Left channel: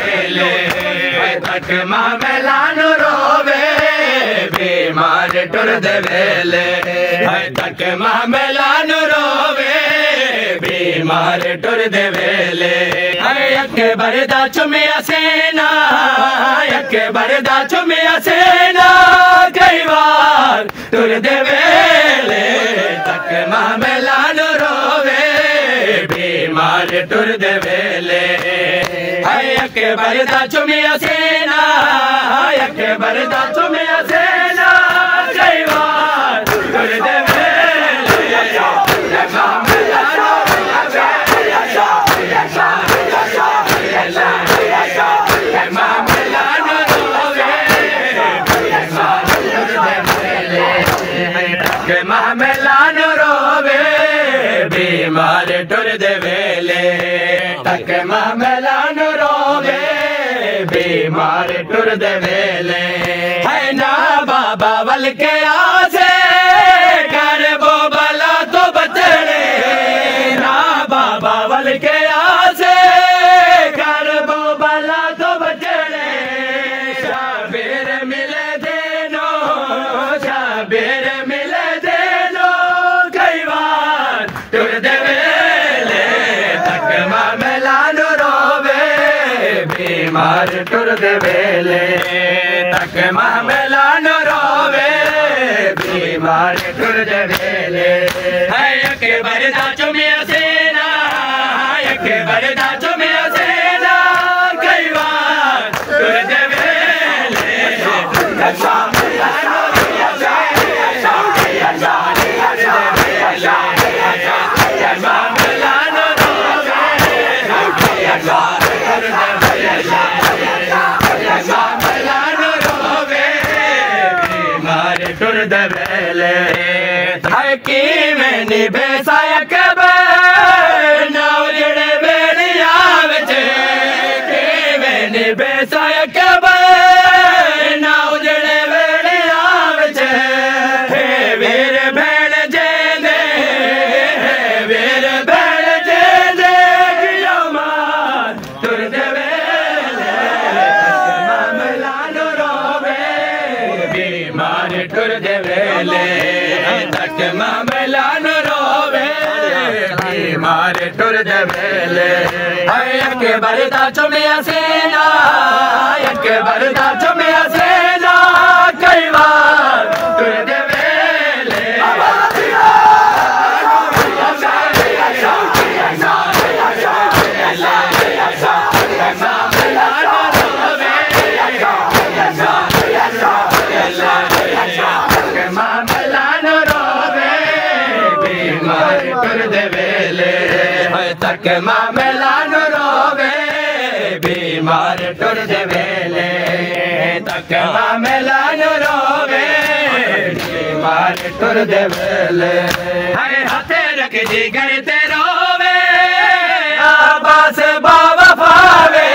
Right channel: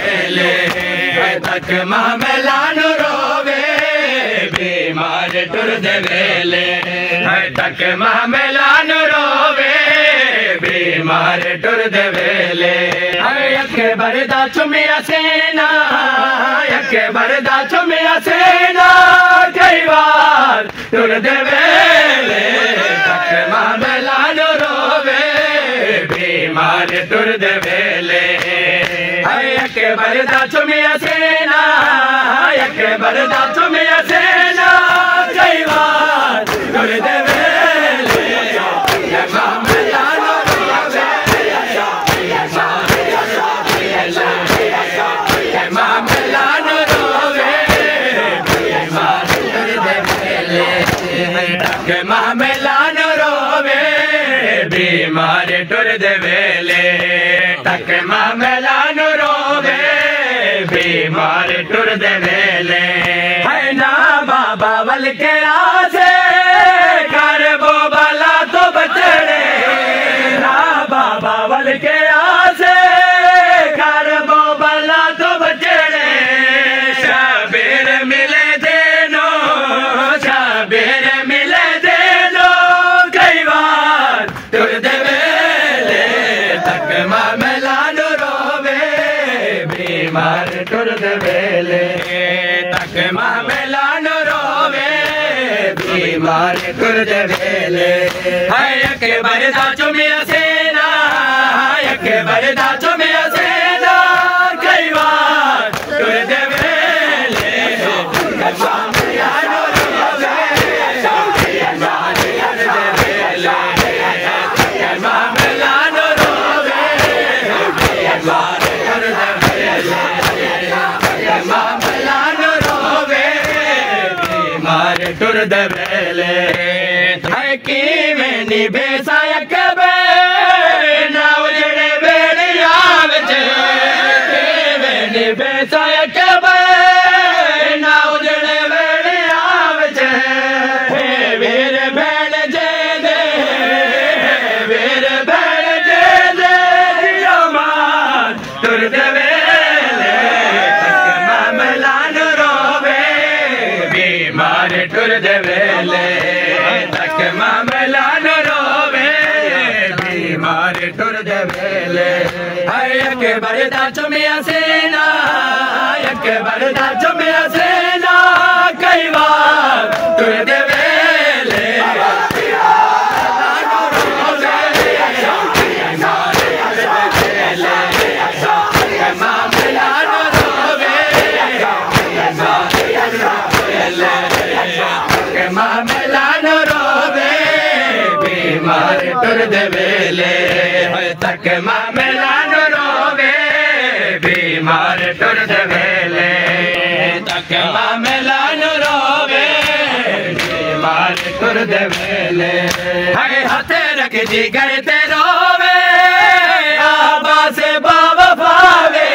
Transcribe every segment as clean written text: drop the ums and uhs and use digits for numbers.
वेले तक मामलानु रोवे बीमार टुर दे वेले तक मामलानु रोवे बीमार टुर दे वेले अके बरदा चुमिया सेना अके बरदा चुमिया सेना कई बार टुर दे वेले तक मामलानु रोवे बीमार टुर दे वेले अके बरदा चुमिया सेना अके बरदा चुमिया सेना कई बार टुर दे मामलानु रोवे बीमार टुर दे वेले तक मामलानु रोवे बीमार टुर दे वेले है ना बाबा वल के आसे कर वो भला तो बचड़े ना बाबा वल के आसे कर वो भला तो बचड़े शबीर मिले देनो शबीर मिले देनो कई बार टुर दे वेले तक मामलानु रोवे बीमार टुर दे वेले तक मामलानु रोवे बीमार टुर दे वेले के बरदा चुमिया सेना के बरदा चुमिया सेना कई बार टुर दे वेले टुर दे वेले की में निभे सायक ना उजड़े बेड़िया विच में निभे सायक ना उजड़े बेड़िया विच वीर भेण जे दे वीर भेण जे दे किलो मार टुर दे वेले मामलानु रोवे बीमार टुर दे वेले तक मामलानु रोवे बीमार टुर दे वेले के बरदा चुमिया सेना के बरदा चुमिया सेना कई बार टुर दे वेले मामलानु रोवे बीमार टुर दे वेले तक मामलानु रोवे बीमार टुर दे वेले तक मामलानु रोवे बीमार टुर दे वेले हरे हथे रख जी घर ते रोवे आबास बाबा पावे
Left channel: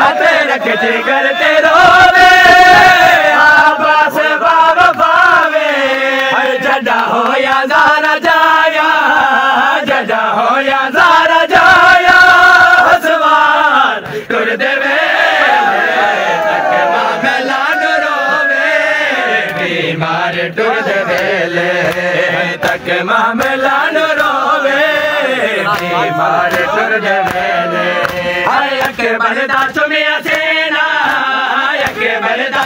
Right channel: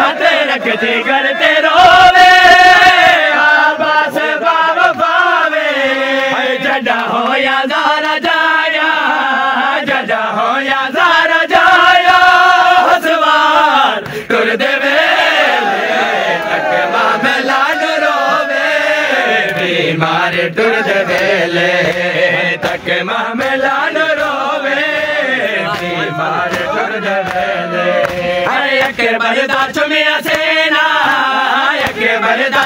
हथे रख जी घर ते रोवे आबास बाबा पावे जदा होया ज़ारा जाया जदा होया ज़ारा जाया हसवार टुर दे वेले तक मामलानु रोवे बीमार टुर दे वेले तक मामलानु रोवे बीमार टुर दे वेले के बरदा चुमिया सेना के बरदा